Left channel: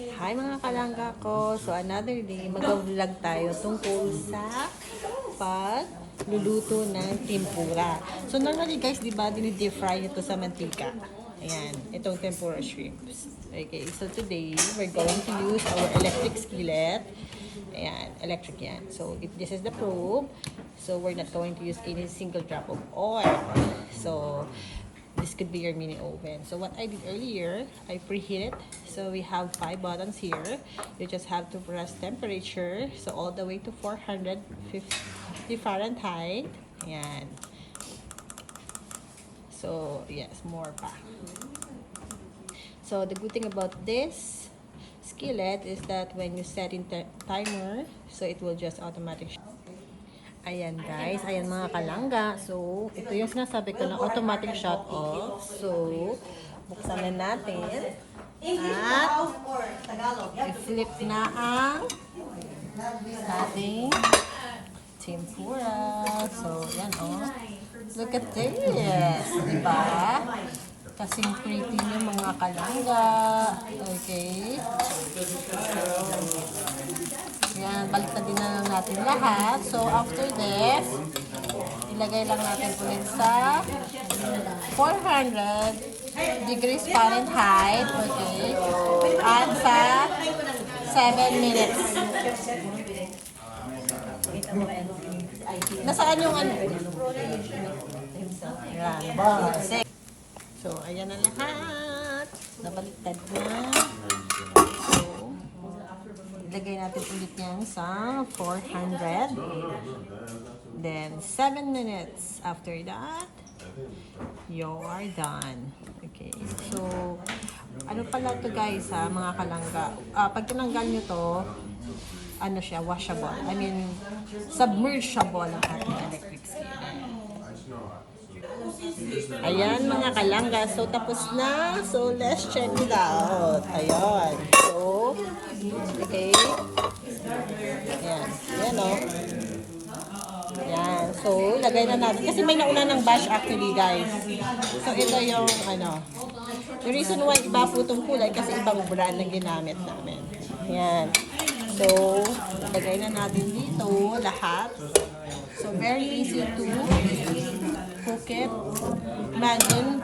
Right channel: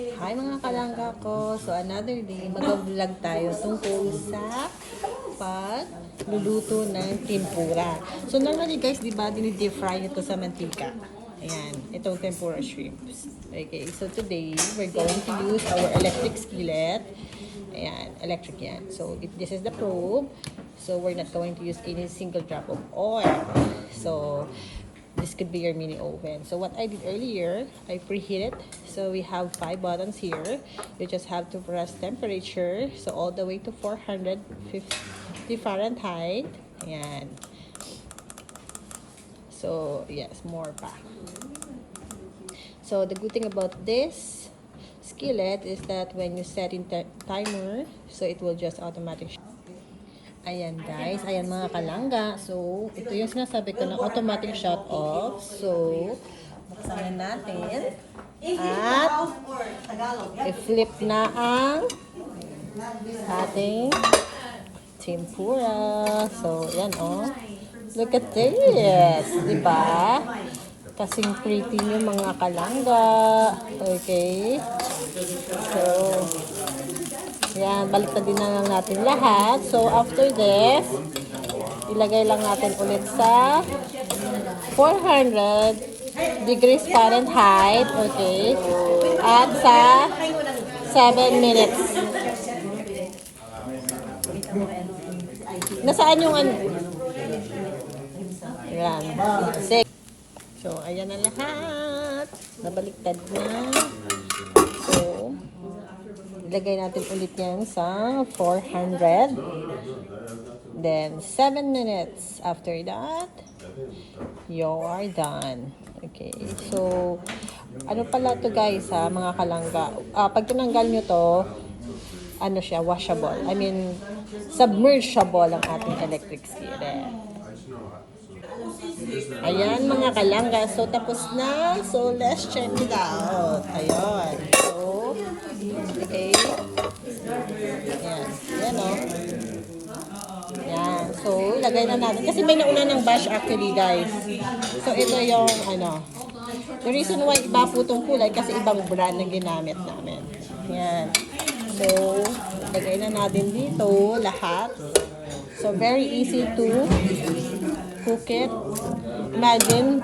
Hi mga kalangga ko. So another day, mag-vlog tayo tungkol sa pagluluto ng tempura. So normally guys, di ba, dinidip fry ito sa mantika. Ayan, itong tempura shrimps. Okay, so today, we're going to use our electric skillet. Ayan, electric yan. So this is the probe. So we're not going to use any single drop of oil. So this could be your mini oven. So what I did earlier, I preheat it. So we have 5 buttons here. You just have to press temperature. So all the way to 450 Fahrenheit. Ayan. So yes, more pa. So the good thing about this skillet is that when you set in timer, so it will just automatic. Ayan guys, ayan mga kalangga. So, ito yung sinasabi ko na automatic shut off. So, buksan na natin. At, i-flip na ang ating tempura. So, yan oh. Look at this. Diba? Kasing pretty yung mga kalangga. Okay. So, yan, balik na din na lang natin lahat. So, after this, ilagay lang natin ulit sa 400 degrees Fahrenheit. Okay. At sa 7 minutes. Nasaan yung ano? Yan. 6. So, ayan na lahat. Nabaliktad na. So, ilagay natin ulit yan sa 400. Then, 7 minutes. After that, you're done. Okay. So, ano pala to guys ha, mga kalangga. Pag tinanggal nyo to, ano siya, washable. I mean, submersible ang ating electric skillet. Ayan mga kalangga. So, tapos na. So, let's check it out. Ayan. So, okay. Ayan. Ayan o. Ayan. So, lagay na natin. Kasi may nauna ng bash actually, guys. So, ito yung, ano. The reason why iba po itong kulay kasi ibang brand na ginamit namin. Ayan. So, lagay na natin dito lahat. So, very easy to cook it. Imagine,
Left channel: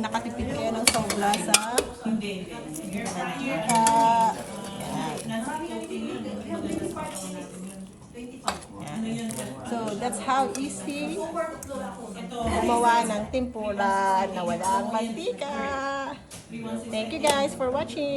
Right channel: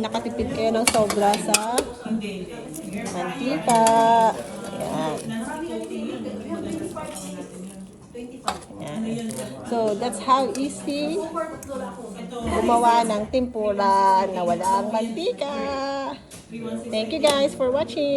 nakatipid kayo ng sobra sa mantika. Ayan. Ayan. So, that's how easy gumawa ng tempura na walang mantika. Thank you guys for watching.